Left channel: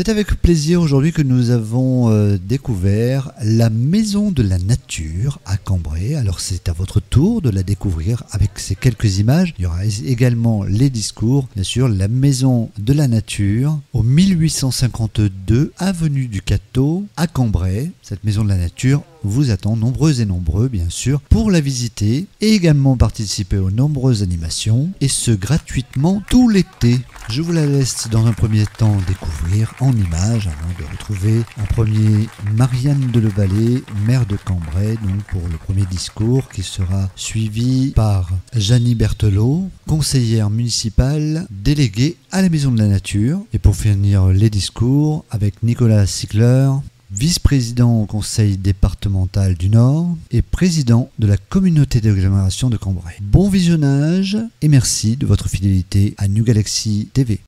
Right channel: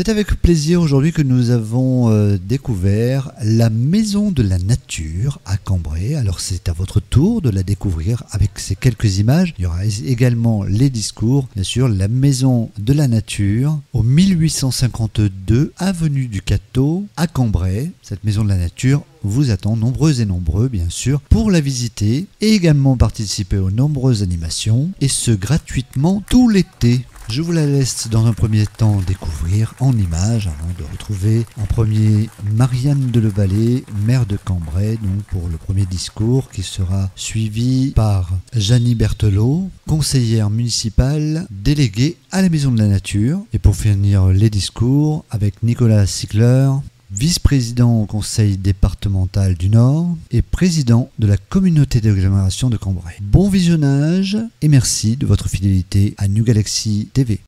C'est avec plaisir aujourd'hui que nous avons découvert la Maison de la Nature à Cambrai. Alors c'est à votre tour de la découvrir avec ces quelques images. Il y aura également les discours. Bien sûr, la Maison de la Nature au 1852 avenue du Cateau à Cambrai. Cette Maison de la Nature vous attend, nombreux et nombreux bien sûr, pour la visiter et également participer aux nombreuses animations, et ce gratuitement tout l'été. Je vous la laisse dans un premier temps découvrir en images avant de retrouver en premier Marianne Delevallée, maire de Cambrai, donc pour le premier discours qui sera suivi par Jeannie Berthelot, conseillère municipale déléguée à la Maison de la Nature, et pour finir les discours avec Nicolas Sigler, vice-président au conseil départemental du Nord et président de la communauté d'agglomération de Cambrai. Bon visionnage et merci de votre fidélité à New Galaxy TV.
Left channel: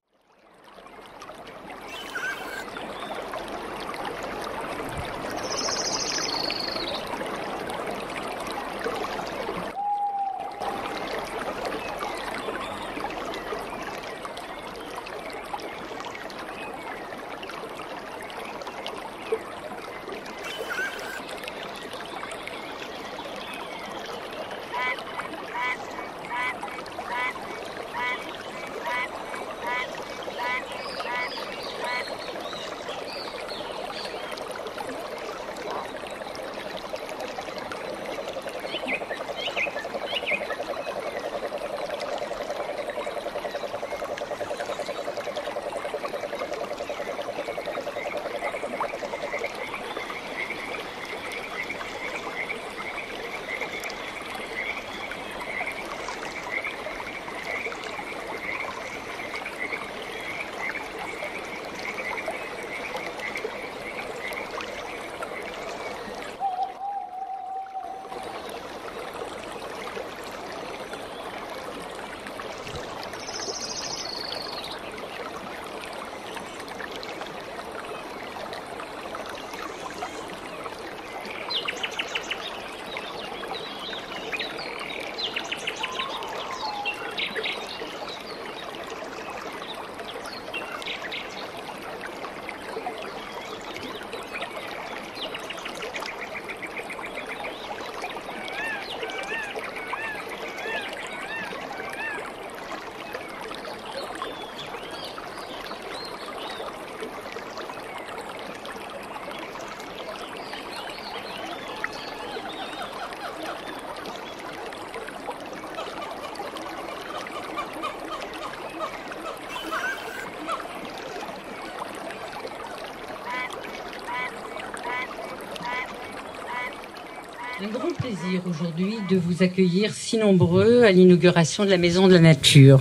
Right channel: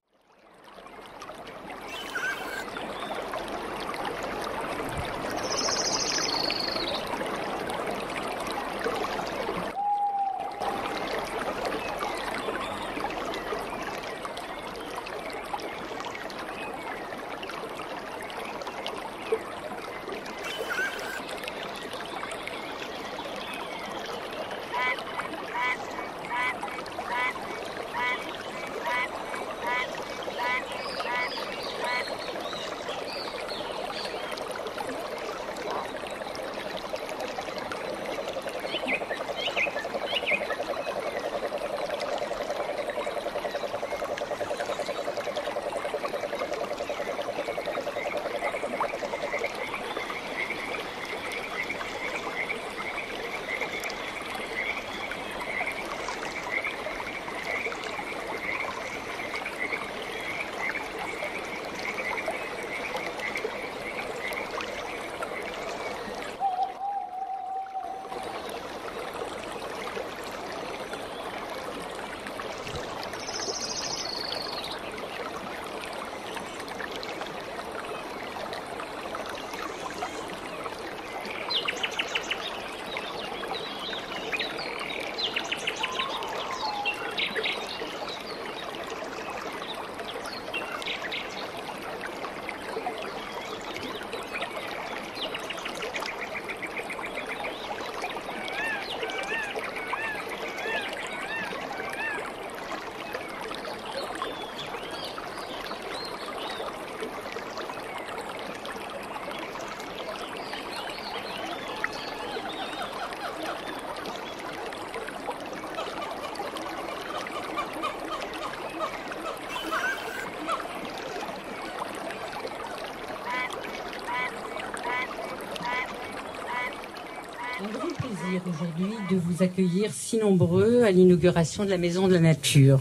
Un grand plaisir aujourd'hui de vous accueillir si nombreux à l'inauguration de la Maison de la Nature.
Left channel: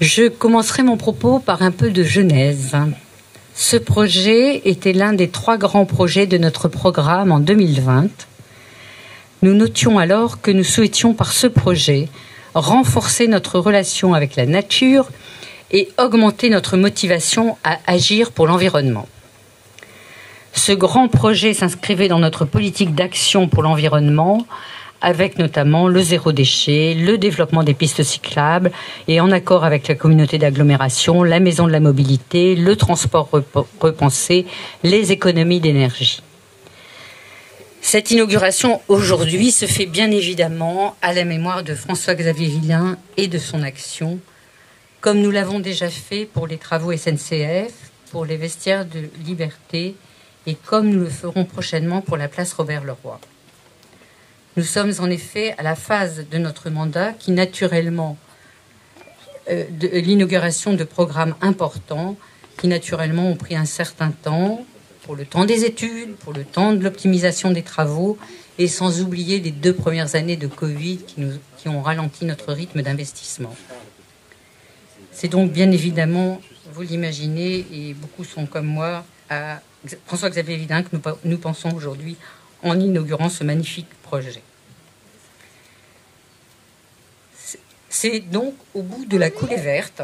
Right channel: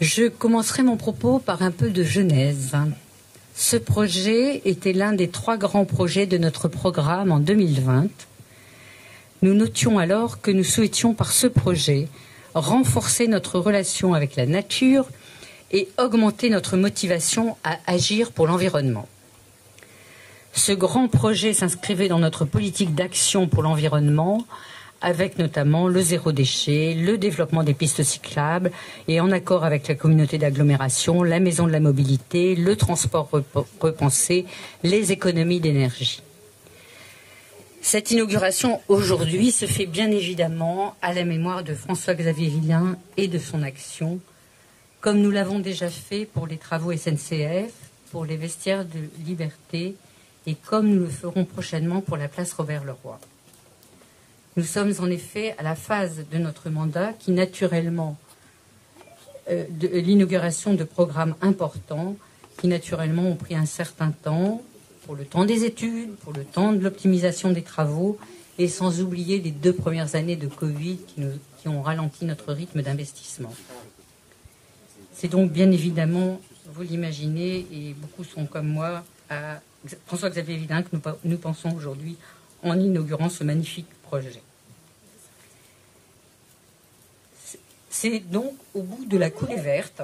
Je commencerai mon propos par un peu de genèse. Ce projet était l'un des 3 grands projets de notre programme en 2020. Nous notions alors que nous souhaitions par ce projet renforcer notre relation avec la nature et augmenter notre motivation à agir pour l'environnement. Ce grand projet s'inscrivait dans notre politique d'action pour l'environnement, avec notamment le zéro déchet, le développement des pistes cyclables et en accord avec la communauté d'agglomération, la maison de la mobilité, le transport repensé, les économies d'énergie. Cette inauguration aujourd'hui se fait bien évidemment à la mémoire de François-Xavier Villain et de son action, comme nous l'avons déjà fait pour les travaux SNCF, pour les vestiaires de Liberté, et comme nous le ferons prochainement pour la place Robert-Leroy. Nous sommes en effet à la phase de notre mandat qui naturellement, de l'inauguration de programmes importants, qui naturellement ont pris un certain temps, pour le temps des études, pour le temps de l'optimisation des travaux, et sans oublier les 2 premières années de Covid qui ont ralenti notre rythme d'investissement. C'est donc bien évidemment, vous l'imaginez, et beaucoup sont comme moi, à François-Xavier Villain que nous pensons aujourd'hui en inaugurant ce magnifique projet. C'est donc au bout de la coulée verte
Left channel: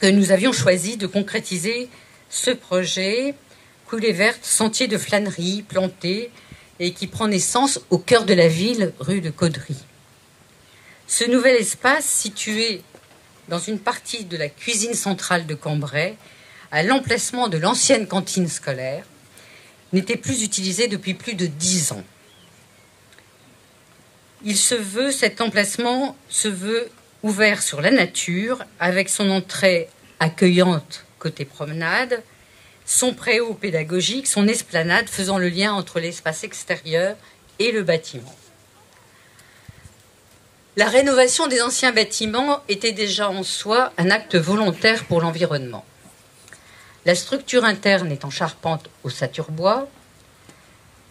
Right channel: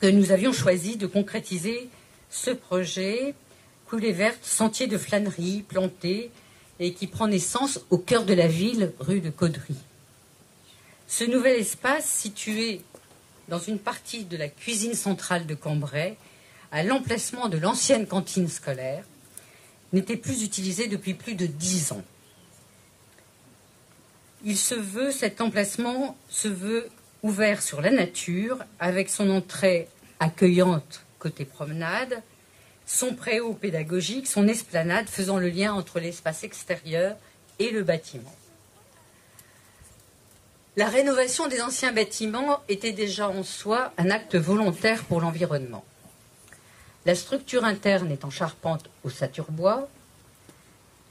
que nous avions choisi de concrétiser ce projet, coulée verte, sentier de flânerie planté et qui prend naissance au cœur de la ville, rue de Caudry. Ce nouvel espace, situé dans une partie de la cuisine centrale de Cambrai, à l'emplacement de l'ancienne cantine scolaire, n'était plus utilisé depuis plus de 10 ans. Cet emplacement se veut ouvert sur la nature, avec son entrée accueillante côté promenade, son préau pédagogique, son esplanade faisant le lien entre l'espace extérieur et le bâtiment. La rénovation des anciens bâtiments était déjà en soi un acte volontaire pour l'environnement. La structure interne est en charpente au saturbois,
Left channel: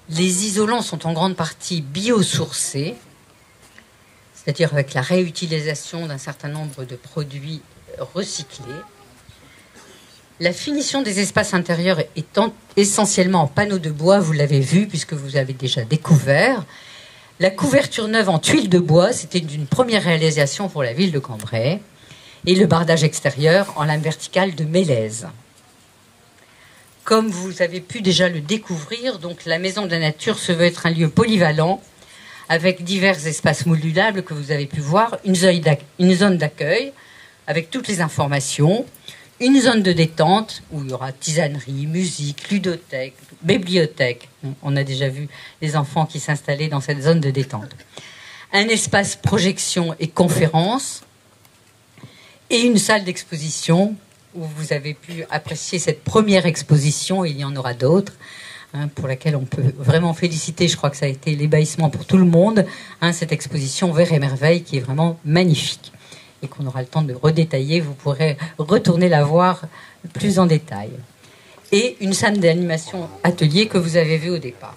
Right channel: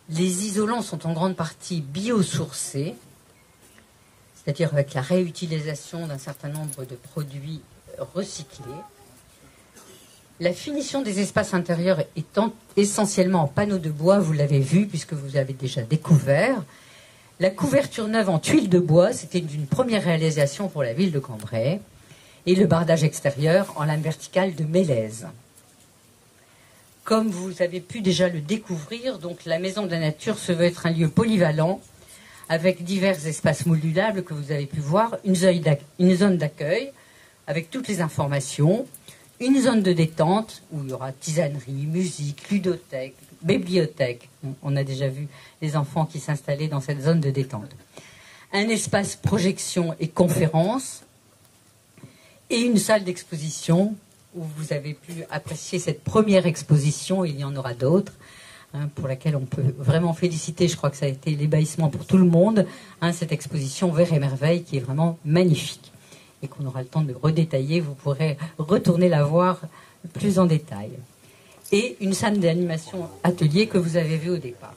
les isolants sont en grande partie biosourcés, c'est-à-dire avec la réutilisation d'un certain nombre de produits recyclés. La finition des espaces intérieurs étant essentiellement en panneaux de bois, vous l'avez vu puisque vous avez déjà découvert. La couverture neuve en tuiles de bois, c'était une première réalisation pour la ville de Cambrai. Et le bardage extérieur en lame verticale de Mélèze. Comme vous avez pu déjà le découvrir, donc la Maison de la Nature se veut être un lieu polyvalent avec divers espaces modulables que vous avez pu voir, une zone d'accueil avec toutes les informations, une zone de détente où il y aura tisanerie, musique, ludothèque, bibliothèque. On a déjà vu les enfants qui s'installaient dans cette zone de détente. Un espace projection et conférence et une salle d'exposition où vous avez pu apprécier cette première exposition, et il y en aura d'autres, pour laquelle on peut vraiment féliciter, je crois que ça a été l'ébahissement pour tout le monde, cette exposition Vers et Merveilles qui est vraiment magnifique et qu'on aura le temps de redétailler, vous pourrez retourner la voir plus en détail. Et une salle d'animation atelier que vous avez vue au départ.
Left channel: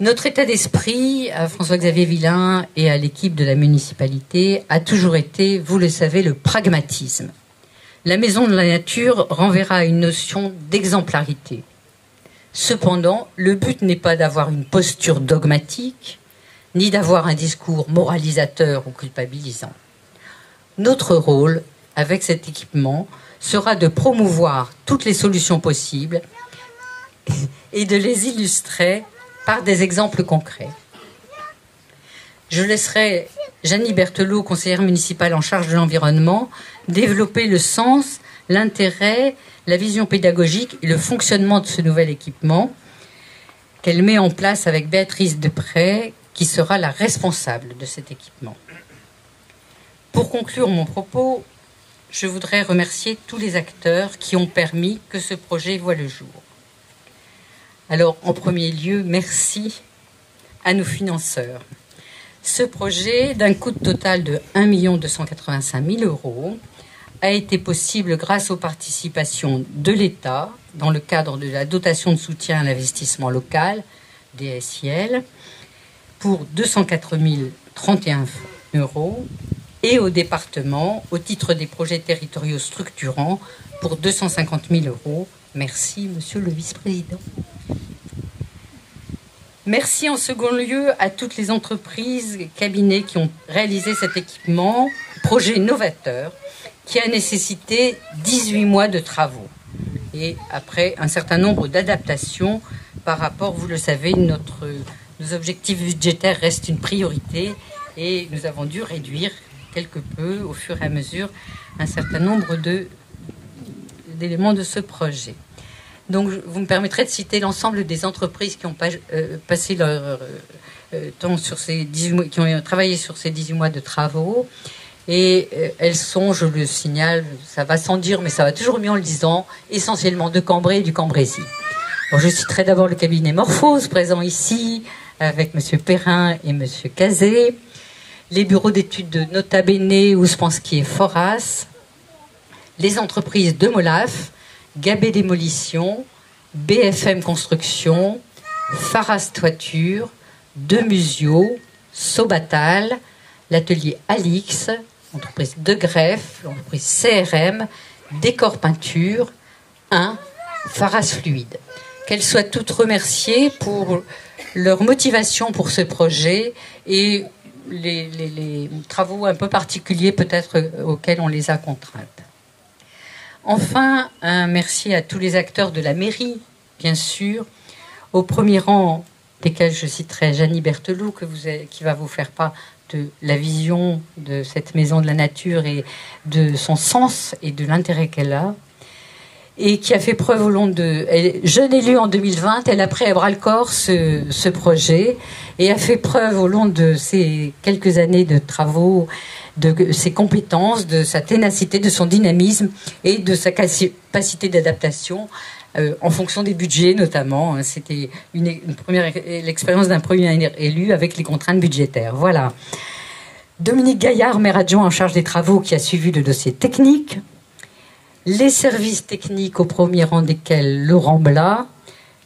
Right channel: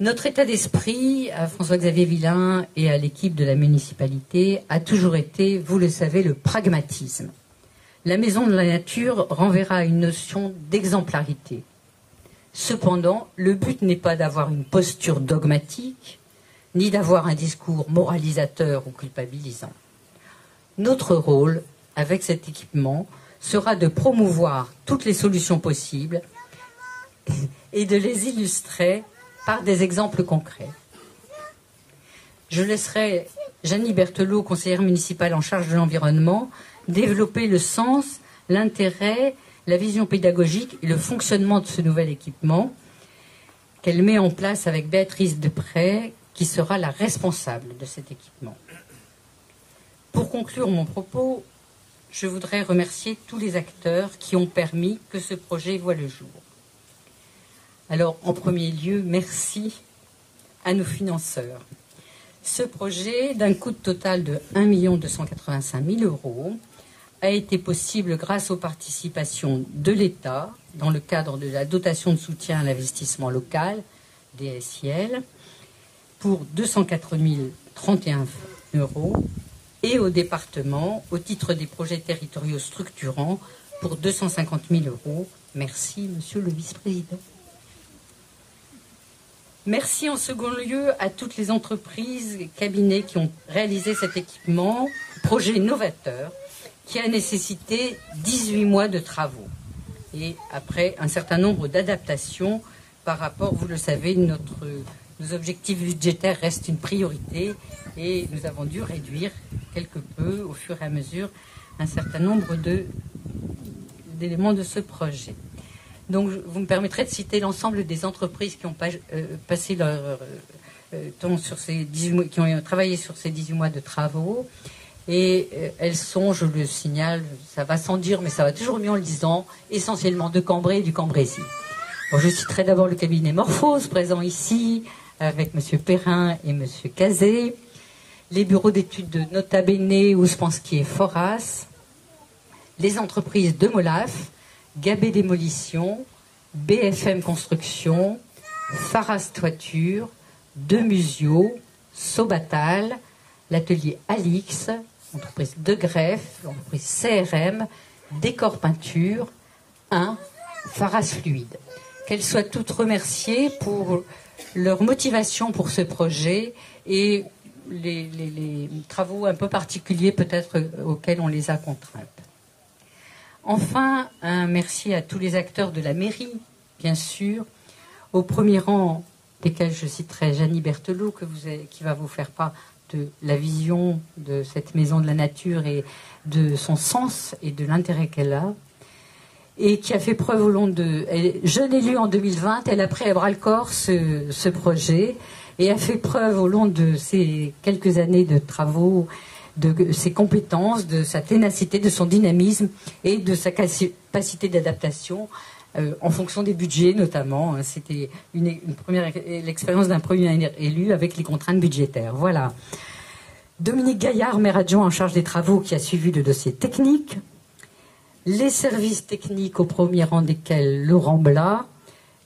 Notre état d'esprit, à François-Xavier Villain et à l'équipe de la municipalité, a toujours été, vous le savez, le pragmatisme. La Maison de la Nature renverra à une notion d'exemplarité. Cependant, le but n'est pas d'avoir une posture dogmatique, ni d'avoir un discours moralisateur ou culpabilisant. Notre rôle, avec cet équipement, sera de promouvoir toutes les solutions possibles et de les illustrer par des exemples concrets. Je laisserai Jeannie Berthelot, conseillère municipale en charge de l'environnement, développer le sens, l'intérêt, la vision pédagogique et le fonctionnement de ce nouvel équipement qu'elle met en place avec Béatrice Deprez, qui sera la responsable de cet équipement. Pour conclure mon propos, je voudrais remercier tous les acteurs qui ont permis que ce projet voie le jour. Alors, en premier lieu, merci à nos financeurs. Ce projet, d'un coût total de 1 285 000 €, a été possible grâce aux participations de l'État dans le cadre de la dotation de soutien à l'investissement local, DSIL, pour 204 031 €, et au département au titre des projets territoriaux structurants pour 250 000 €. Merci, monsieur le vice-président. Merci en second lieu à toutes les entreprises et cabinets qui ont réalisé cet équipement, projet novateur, qui a nécessité 18 mois de travaux. Et après un certain nombre d'adaptations par rapport, vous le savez, nos objectifs budgétaires restent une priorité et nous avons dû réduire quelque peu, au fur et à mesure, un certain nombre d'éléments de ce projet. Donc, vous me permettrez de citer l'ensemble des entreprises qui ont passé leur temps sur ces 18 mois, qui ont travaillé sur ces 18 mois de travaux. Et elles sont, je le signale, ça va sans dire, mais ça va toujours mieux en le disant, essentiellement de Cambrai et du Cambrésis. Bon, je citerai d'abord le cabinet Morphose, présent ici, avec M. Perrin et M. Cazet, les bureaux d'études de Nota Bene, Ouspensky et Foras, les entreprises de Molaf, Gabé Démolition, BFM Construction, Faras Toiture, Demusio, Sobatal, l'atelier Alix, l'entreprise De Greffe, l'entreprise CRM, Décor Peinture, Faras Fluide. Qu'elles soient toutes remerciées pour leur motivation pour ce projet et les travaux un peu particuliers peut-être auxquels on les a contraintes. Enfin, un merci à tous les acteurs de la mairie, bien sûr, au premier rang desquels je citerai Jeannie Berthelot, qui va vous faire part de la vision de cette maison de la nature et de son sens et de l'intérêt qu'elle a. et qui a fait preuve au long de... Jeune élue en 2020, elle a pris à bras-le-corps ce projet et a fait preuve au long de ces quelques années de travaux, de ses compétences, de sa ténacité, de son dynamisme et de sa capacité d'adaptation en fonction des budgets notamment. C'était l'expérience d'un premier élu avec les contraintes budgétaires. Voilà. Dominique Gaillard, maire adjoint en charge des travaux, qui a suivi le dossier technique. Les services techniques, au premier rang desquels Laurent Blas,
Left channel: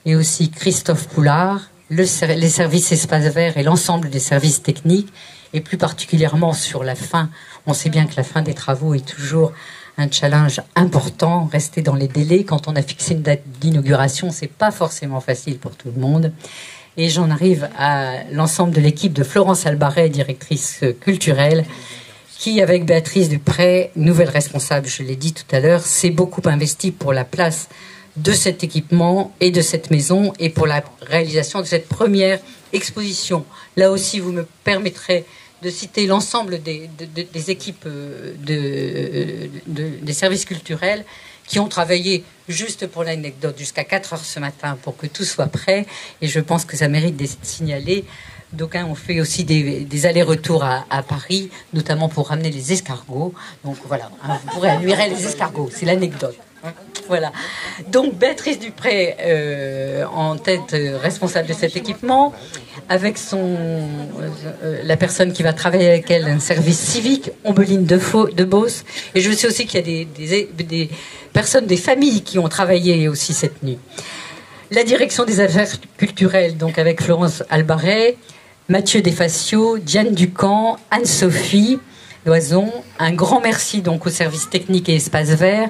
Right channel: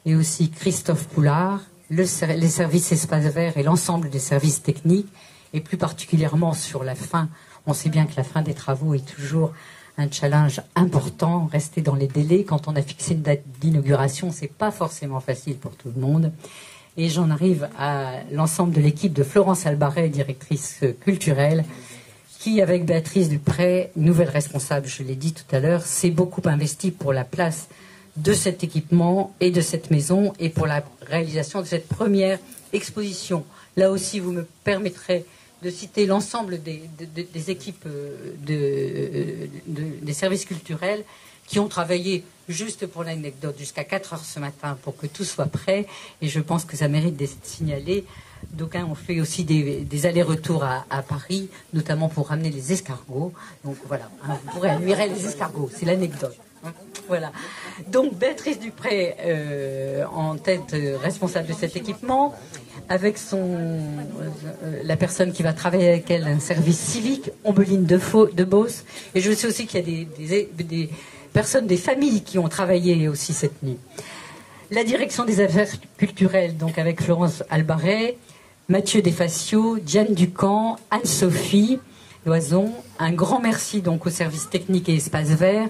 et aussi Christophe Poulard, les services espaces verts et l'ensemble des services techniques, et plus particulièrement sur la fin. On sait bien que la fin des travaux est toujours un challenge important, rester dans les délais. Quand on a fixé une date d'inauguration, c'est pas forcément facile pour tout le monde. Et j'en arrive à l'ensemble de l'équipe de Florence Albaret, directrice culturelle, qui, avec Béatrice Dupré, nouvelle responsable, je l'ai dit tout à l'heure, s'est beaucoup investi pour la place de cet équipement et de cette maison et pour la réalisation de cette première exposition. Là aussi, vous me permettrez de citer l'ensemble des équipes des services culturels qui ont travaillé, juste pour l'anecdote, jusqu'à 4 heures ce matin pour que tout soit prêt. Et je pense que ça mérite d'être signalé. D'aucuns ont fait aussi des allers-retours à Paris, notamment pour ramener les escargots. Donc voilà, vous pourrez admirer les escargots, c'est l'anecdote. Voilà. Donc Béatrice Dupré en tête responsable de cet équipement, avec la personne qui va travailler avec elle, un service civique, Ombeline de Beauce. Et je sais aussi qu'il y a des personnes, des familles qui ont travaillé aussi cette nuit. La direction des affaires culturelles, donc avec Florence Albaret, Mathieu Desfacio, Diane Ducamp, Anne-Sophie Loison. Un grand merci donc aux services techniques et espaces verts.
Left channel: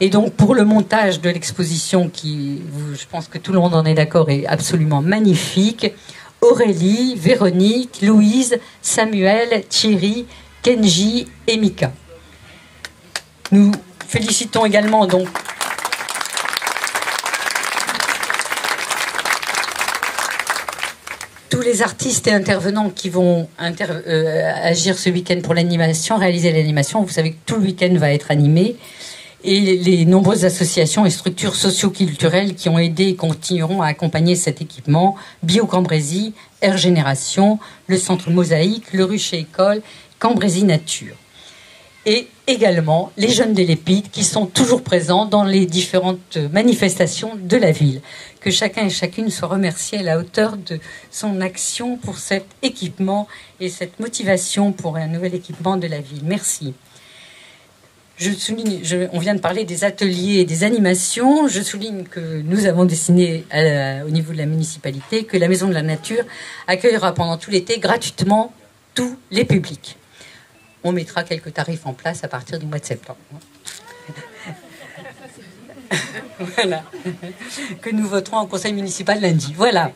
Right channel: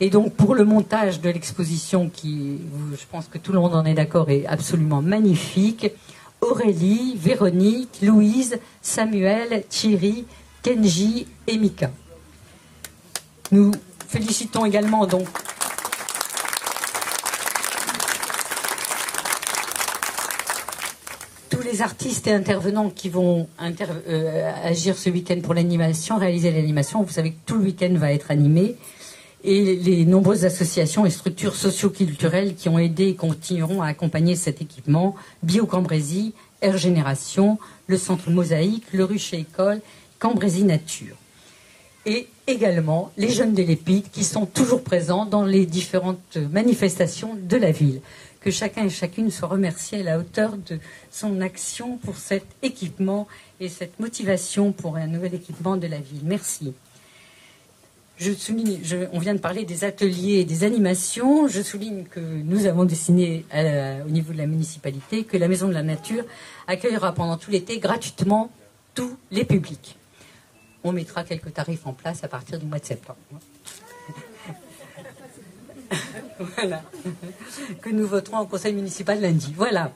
Et donc pour le montage de l'exposition qui, je pense que tout le monde en est d'accord, est absolument magnifique, Aurélie, Véronique, Louise, Samuel, Thierry, Kenji et Mika. Nous félicitons également donc tous les artistes et intervenants qui vont agir ce week-end pour l'animation, réaliser l'animation. Vous savez que tout le week-end va être animé. Et les nombreuses associations et structures socio-culturelles qui ont aidé et continueront à accompagner cet équipement, Bio-Cambrésis, Air Génération, le Centre Mosaïque, le Rucher École, Cambrésis Nature. Et également les jeunes de l'Épide qui sont toujours présents dans les différentes manifestations de la ville. Que chacun et chacune soit remercié à la hauteur de son action pour cet équipement et cette motivation pour un nouvel équipement de la ville. Merci. Je souligne, on vient de parler des ateliers et des animations. Je souligne que nous avons décidé au niveau de la municipalité que la Maison de la Nature accueillera pendant tout l'été gratuitement tous les publics. On mettra quelques tarifs en place à partir du mois de septembre. Voilà. Que nous voterons en conseil municipal lundi. Voilà.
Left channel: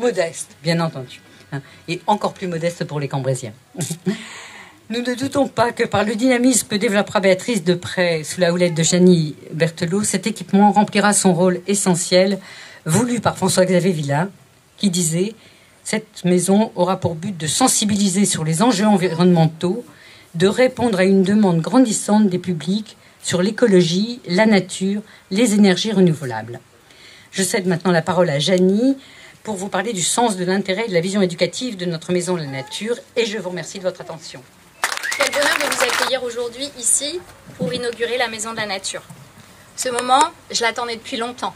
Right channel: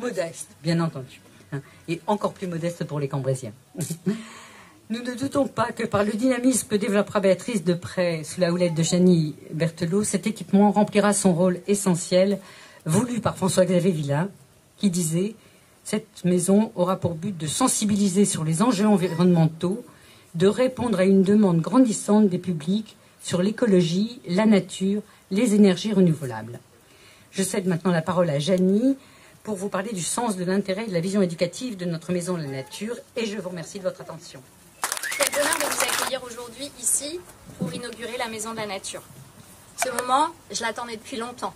Modeste, bien entendu. Et encore plus modeste pour les Cambrésiens. Nous ne doutons pas que par le dynamisme que développera Béatrice Dupré sous la houlette de Jeannie Berthelot, cet équipement remplira son rôle essentiel, voulu par François-Xavier Villain, qui disait « Cette maison aura pour but de sensibiliser sur les enjeux environnementaux, de répondre à une demande grandissante des publics sur l'écologie, la nature, les énergies renouvelables. » Je cède maintenant la parole à Jeannie pour vous parler du sens de l'intérêt et de la vision éducative de notre Maison de la Nature, et je vous remercie de votre attention. Quel bonheur de vous accueillir aujourd'hui ici pour inaugurer la Maison de la Nature. Ce moment, je l'attendais depuis longtemps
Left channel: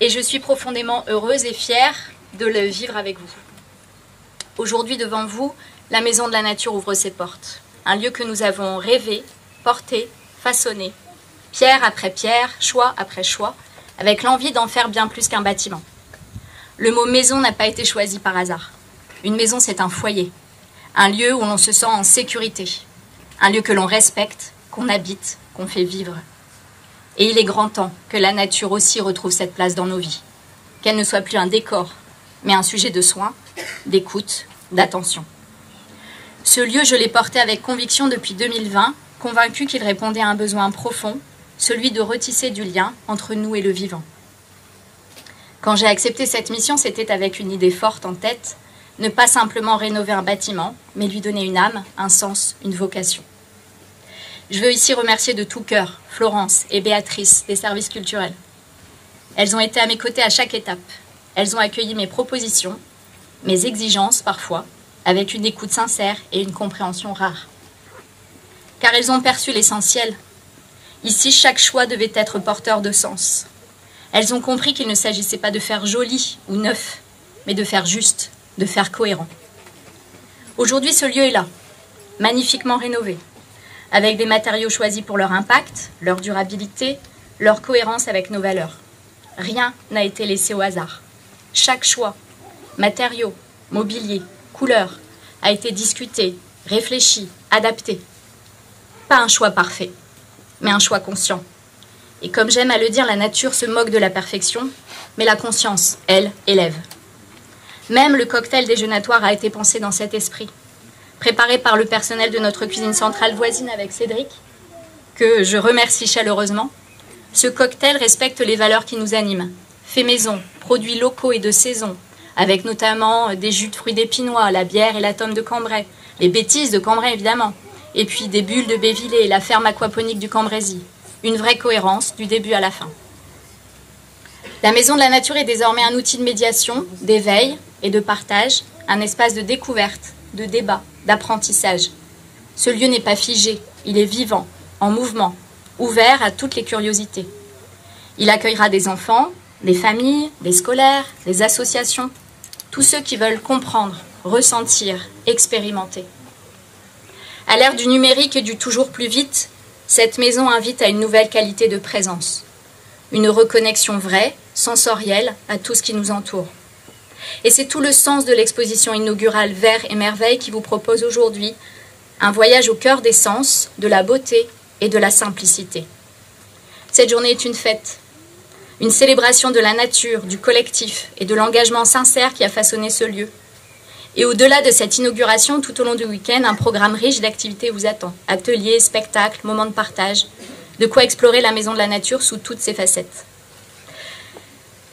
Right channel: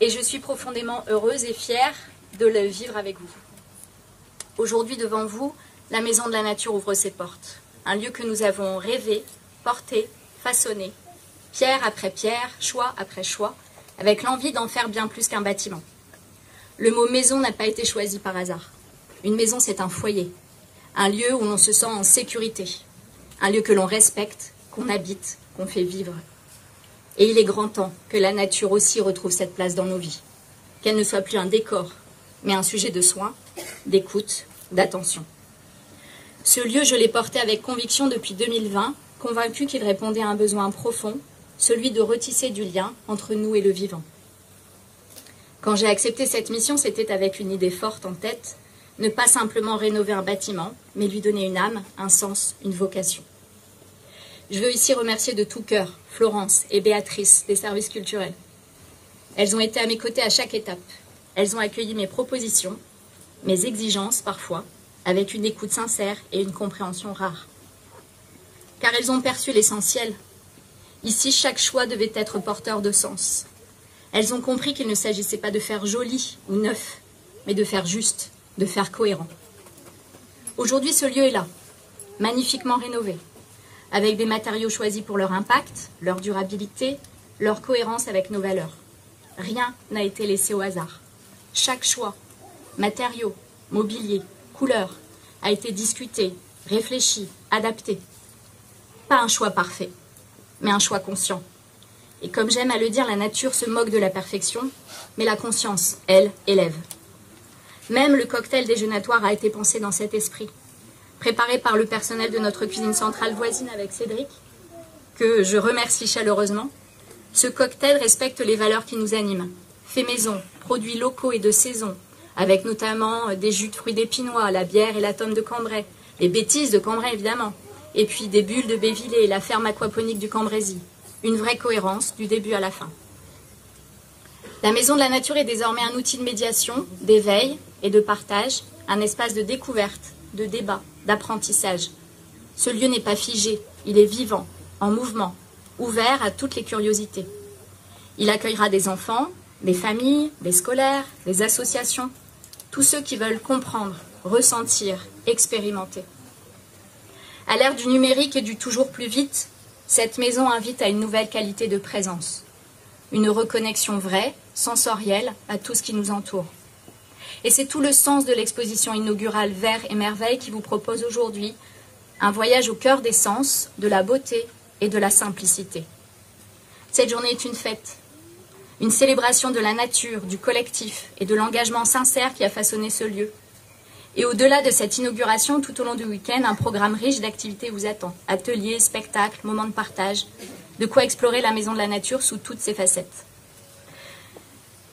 et je suis profondément heureuse et fière de le vivre avec vous. Aujourd'hui, devant vous, la Maison de la Nature ouvre ses portes. Un lieu que nous avons rêvé, porté, façonné, pierre après pierre, choix après choix, avec l'envie d'en faire bien plus qu'un bâtiment. Le mot maison n'a pas été choisi par hasard. Une maison, c'est un foyer. Un lieu où l'on se sent en sécurité, un lieu que l'on respecte, qu'on habite, qu'on fait vivre. Et il est grand temps que la nature aussi retrouve cette place dans nos vies, qu'elle ne soit plus un décor, mais un sujet de soin, d'écoute, d'attention. Ce lieu, je l'ai porté avec conviction depuis 2020, convaincu qu'il répondait à un besoin profond, celui de retisser du lien entre nous et le vivant. Quand j'ai accepté cette mission, c'était avec une idée forte en tête, ne pas simplement rénover un bâtiment, mais lui donner une âme, un sens, une vocation. Je veux ici remercier de tout cœur Florence et Béatrice des services culturels. Elles ont été à mes côtés à chaque étape. Elles ont accueilli mes propositions, mes exigences parfois, avec une écoute sincère et une compréhension rare. Car elles ont perçu l'essentiel. Ici, chaque choix devait être porteur de sens. Elles ont compris qu'il ne s'agissait pas de faire joli ou neuf, mais de faire juste, de faire cohérent. Aujourd'hui, ce lieu est là, magnifiquement rénové, avec des matériaux choisis pour leur impact, leur durabilité, leur cohérence avec nos valeurs. Rien n'a été laissé au hasard. Chaque choix, matériaux, mobilier, couleurs, a été discuté, réfléchi, adapté. Pas un choix parfait, mais un choix conscient. Et comme j'aime à le dire, la nature se moque de la perfection, mais la conscience, elle, élève. Même le cocktail déjeunatoire a été pensé dans cet esprit, préparé par le personnel de notre cuisine centrale voisine avec Cédric, que je remercie chaleureusement. Ce cocktail respecte les valeurs qui nous animent. Fait maison, produits locaux et de saison, avec notamment des jus de fruits d'épinois, la bière et la tome de Cambrai, les bêtises de Cambrai évidemment, et puis des bulles de Bévillé, la ferme aquaponique du Cambrésis. Une vraie cohérence du début à la fin. La Maison de la Nature est désormais un outil de médiation, d'éveil et de partage, un espace de découverte, de débat, d'apprentissage. Ce lieu n'est pas figé, il est vivant, en mouvement, ouvert à toutes les curiosités. Il accueillera des enfants, des familles, des scolaires, des associations, tous ceux qui veulent comprendre, ressentir, expérimenter. À l'ère du numérique et du toujours plus vite, cette maison invite à une nouvelle qualité de présence, une reconnexion vraie, sensorielle à tout ce qui nous entoure. Et c'est tout le sens de l'exposition inaugurale Vers et Merveilles qui vous propose aujourd'hui un voyage au cœur des sens, de la beauté et de la simplicité. Cette journée est une fête, une célébration de la nature, du collectif et de l'engagement sincère qui a façonné ce lieu. Et au-delà de cette inauguration, tout au long du week-end, un programme riche d'activités vous attend. Ateliers, spectacles, moments de partage, de quoi explorer la Maison de la Nature sous toutes ses facettes.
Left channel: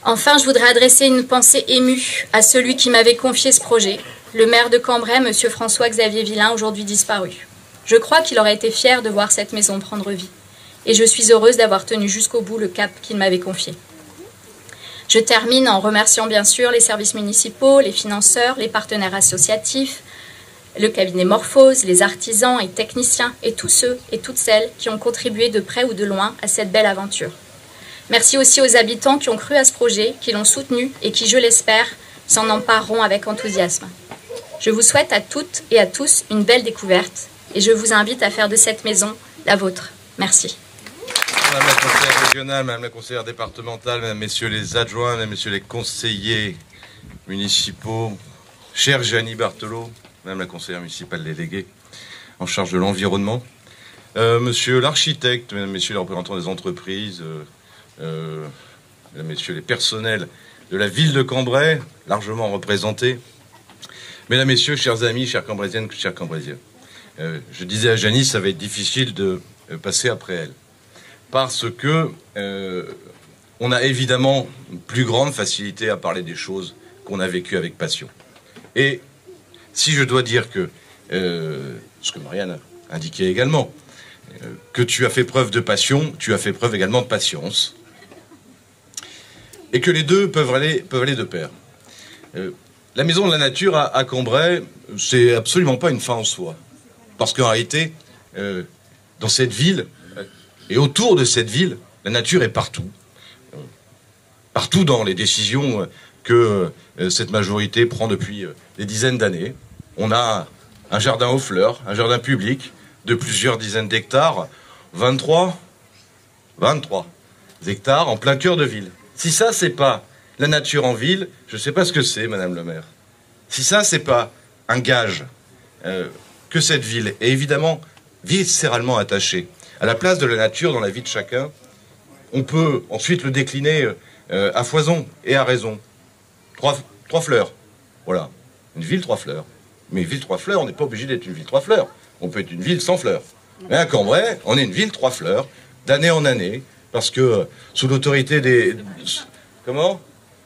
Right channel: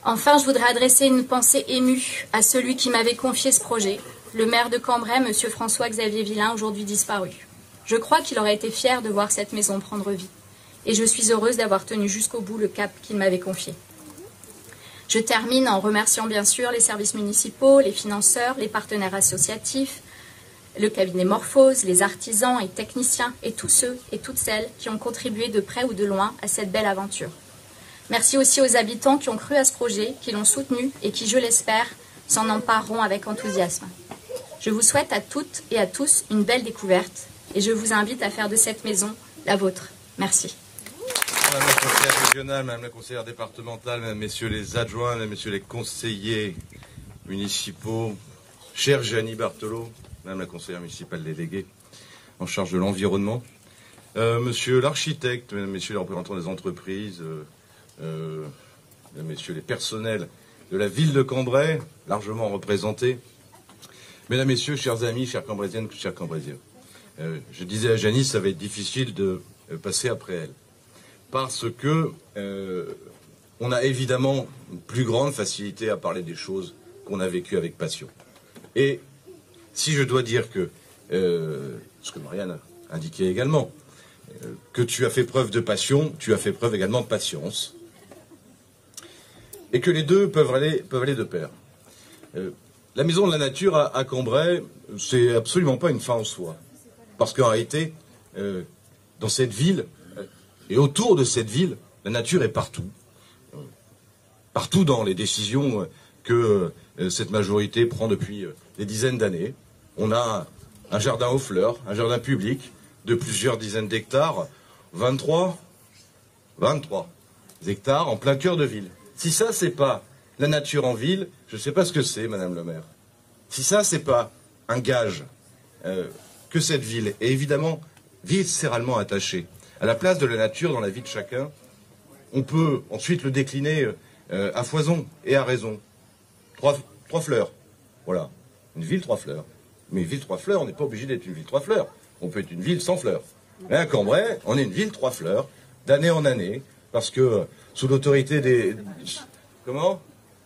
Enfin, je voudrais adresser une pensée émue à celui qui m'avait confié ce projet, le maire de Cambrai, M. François-Xavier Villain, aujourd'hui disparu. Je crois qu'il aurait été fier de voir cette maison prendre vie. Et je suis heureuse d'avoir tenu jusqu'au bout le cap qu'il m'avait confié. Je termine en remerciant bien sûr les services municipaux, les financeurs, les partenaires associatifs, le cabinet Morphose, les artisans et techniciens et tous ceux et toutes celles qui ont contribué de près ou de loin à cette belle aventure. Merci aussi aux habitants qui ont cru à ce projet, qui l'ont soutenu et qui, je l'espère, s'en empareront avec enthousiasme. Je vous souhaite à toutes et à tous une belle découverte et je vous invite à faire de cette maison la vôtre. Merci. Madame la conseillère régionale, Madame la conseillère départementale, Mesdames, Messieurs les adjoints, Mesdames, Messieurs les conseillers municipaux, chère Jeannie Barthelot, Madame la conseillère municipale déléguée en charge de l'environnement, Monsieur l'architecte, Mesdames, Messieurs les représentants des entreprises, Mesdames, Messieurs les personnels de la ville de Cambrai, largement représentés, Mesdames, Messieurs, chers amis, chères Cambraisiennes, chers Cambraisiens. Je disais à Jeannie, ça va être difficile de passer après elle. Parce que on a évidemment une plus grande facilité à parler des choses qu'on a vécues avec passion. Et si je dois dire que, ce que Marianne a indiqué également, que tu as fait preuve de passion, tu as fait preuve également de patience. Et que les deux peuvent aller de pair. La Maison de la Nature à Cambrai, c'est absolument pas une fin en soi. Parce qu'en réalité, dans cette ville, et autour de cette ville, la nature est partout. Partout dans les décisions que cette majorité prend depuis des dizaines d'années. On a un jardin aux fleurs, un jardin public de plusieurs dizaines d'hectares, 23 hectares en plein cœur de ville. Si ça, c'est pas la nature en ville, je ne sais pas ce que c'est, Madame le maire. Si ça, c'est pas un gage que cette ville est évidemment viscéralement attachée à la place de la nature dans la vie de chacun, on peut ensuite le décliner à foison et à raison. Trois fleurs. Voilà. Une ville, 3 fleurs. Mais une ville, 3 fleurs, on n'est pas obligé d'être une ville, 3 fleurs. On peut être une ville sans fleurs. Mais à Cambrai, on est une ville, 3 fleurs, d'année en année, parce que sous l'autorité des... Comment ?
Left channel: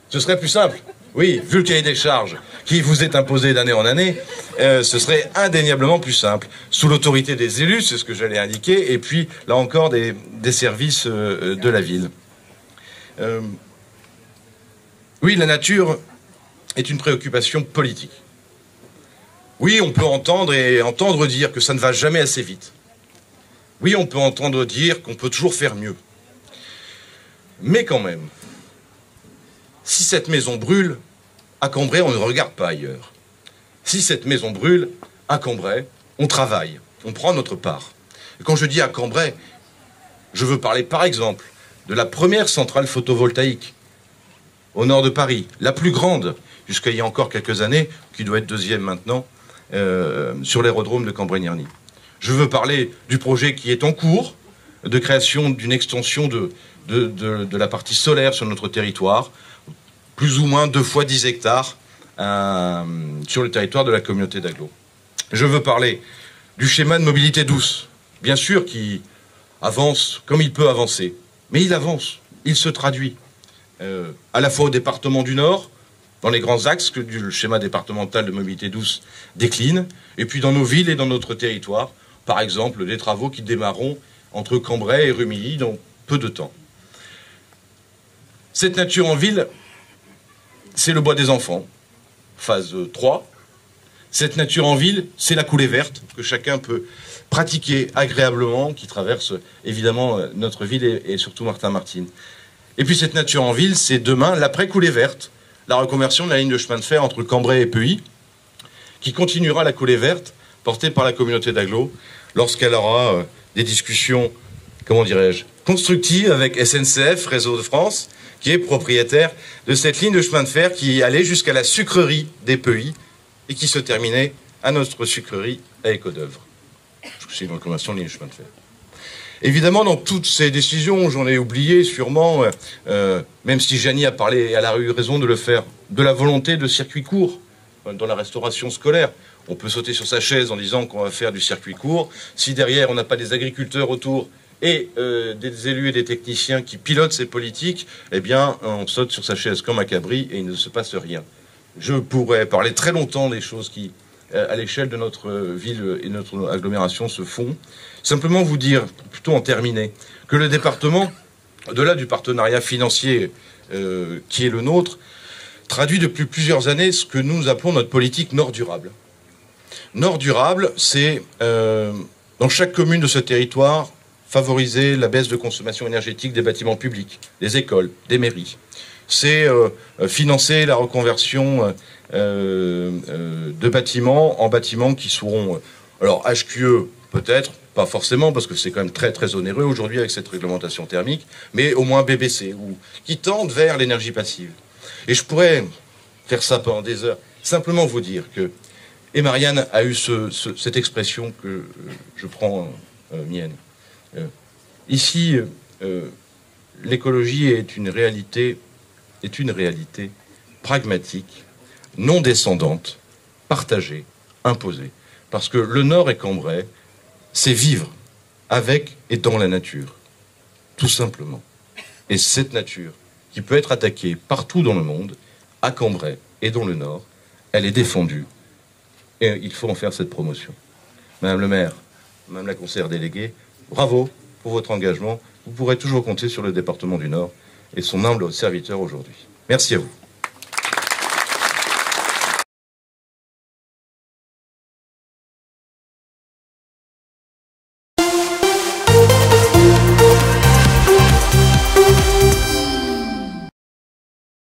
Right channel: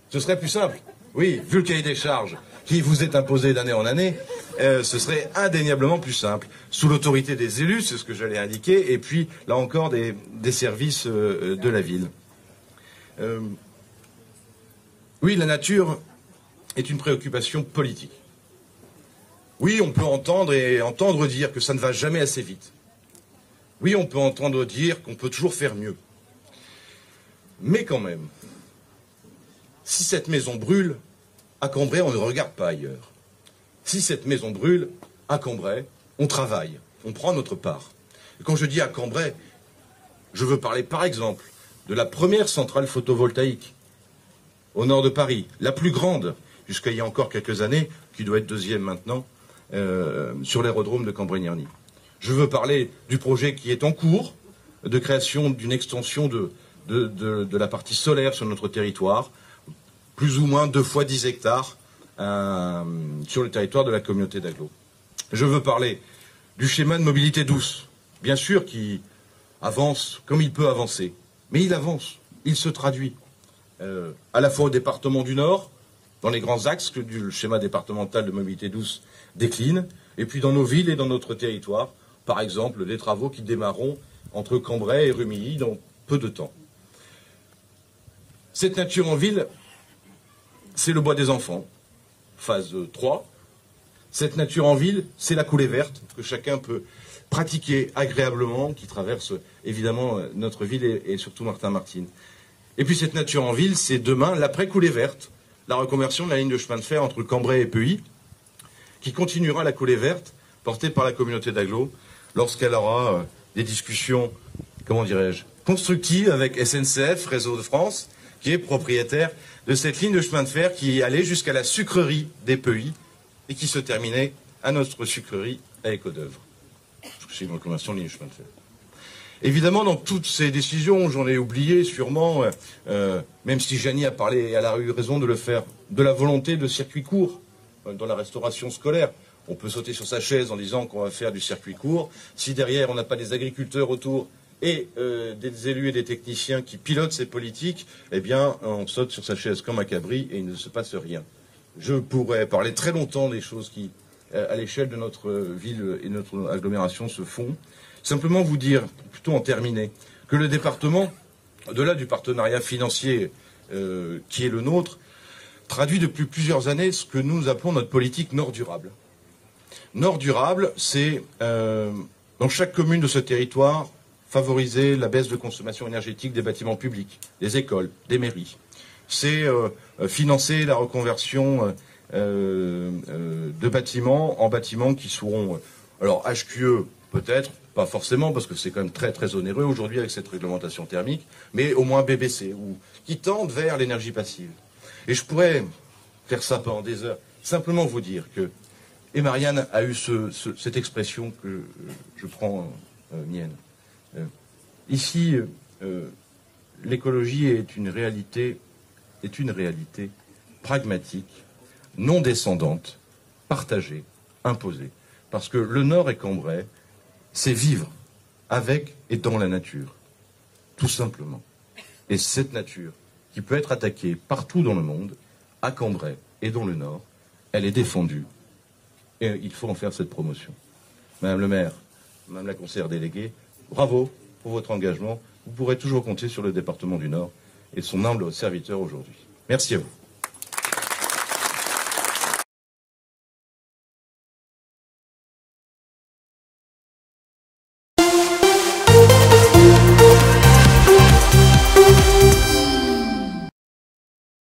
Ce serait plus simple. Oui, vu le cahier des charges qui vous est imposé d'année en année, ce serait indéniablement plus simple. Sous l'autorité des élus, c'est ce que j'allais indiquer, et puis, là encore, des services de la ville. Oui, la nature est une préoccupation politique. Oui, on peut entendre dire que ça ne va jamais assez vite. Oui, on peut entendre dire qu'on peut toujours faire mieux. Mais quand même, si cette maison brûle, à Cambrai, on ne regarde pas ailleurs. Si cette maison brûle, à Cambrai, on travaille, on prend notre part. Et quand je dis à Cambrai, je veux parler par exemple de la première centrale photovoltaïque au nord de Paris, la plus grande, jusqu'à il y a encore quelques années, qui doit être deuxième maintenant, sur l'aérodrome de Cambrai-Nierny. Je veux parler du projet qui est en cours, de création d'une extension de la partie solaire sur notre territoire, plus ou moins 2 fois 10 hectares sur le territoire de la communauté d'Aglo. Je veux parler du schéma de mobilité douce, bien sûr, qui avance comme il peut avancer, mais il avance, il se traduit à la fois au département du Nord, dans les grands axes que le schéma départemental de mobilité douce décline, et puis dans nos villes et dans notre territoire, par exemple des travaux qui démarreront entre Cambrai et Rumilly dans peu de temps. Cette nature en ville, c'est le bois des enfants, phase 3. Cette nature en ville, c'est la coulée verte que chacun peut pratiquer agréablement, qui traverse évidemment notre ville et surtout Martin-Martin. Et puis cette nature en ville, c'est demain l'après-coulée verte, la reconversion de la ligne de chemin de fer entre Cambrai et Peuilly, qui continuera la coulée verte portée par la communauté d'Aglo lorsqu'elle aura des discussions, comment dirais-je, constructives avec SNCF, Réseau de France, qui est propriétaire de cette ligne de chemin de fer qui allait jusqu'à la sucrerie des Peuilly et qui se terminait à notre sucrerie à Écodœuvre. C'est une reconversion de ligne de chemin de fer. Évidemment, dans toutes ces décisions, j'en ai oublié sûrement, même si Janie a parlé, elle a eu raison de le faire, de la volonté de circuit court dans la restauration scolaire. On peut sauter sur sa chaise en disant qu'on va faire du circuit court. Si derrière, on n'a pas des agriculteurs autour et des élus et des techniciens qui pilotent ces politiques, eh bien, on saute sur sa chaise comme un cabri et il ne se passe rien. Je pourrais parler très longtemps des choses qui, à l'échelle de notre ville et de notre agglomération, se font. Simplement vous dire, plutôt en terminer, que le département, au-delà du partenariat financier qui est le nôtre, traduit depuis plusieurs années ce que nous appelons notre politique Nord durable. Nord durable, c'est dans chaque commune de ce territoire favoriser la baisse de consommation énergétique des bâtiments publics, des écoles, des mairies. C'est financer la reconversion de bâtiments en bâtiments qui seront, alors HQE peut-être, pas forcément parce que c'est quand même très très onéreux aujourd'hui avec cette réglementation thermique, mais au moins BBC, ou qui tendent vers l'énergie passive. Et je pourrais faire ça pendant des heures, simplement vous dire que, et Marianne a eu cette expression que je prends mienne. Ici, l'écologie est une réalité pragmatique, non descendante, partagée, imposée. Parce que le Nord et Cambrai, c'est vivre avec et dans la nature, tout simplement. Et cette nature, qui peut être attaquée partout dans le monde, à Cambrai et dans le Nord, elle est défendue. Et il faut en faire cette promotion. Madame le maire, Madame la conseillère déléguée, bravo pour votre engagement. Vous pourrez toujours compter sur le département du Nord et son humble serviteur aujourd'hui. Merci à vous.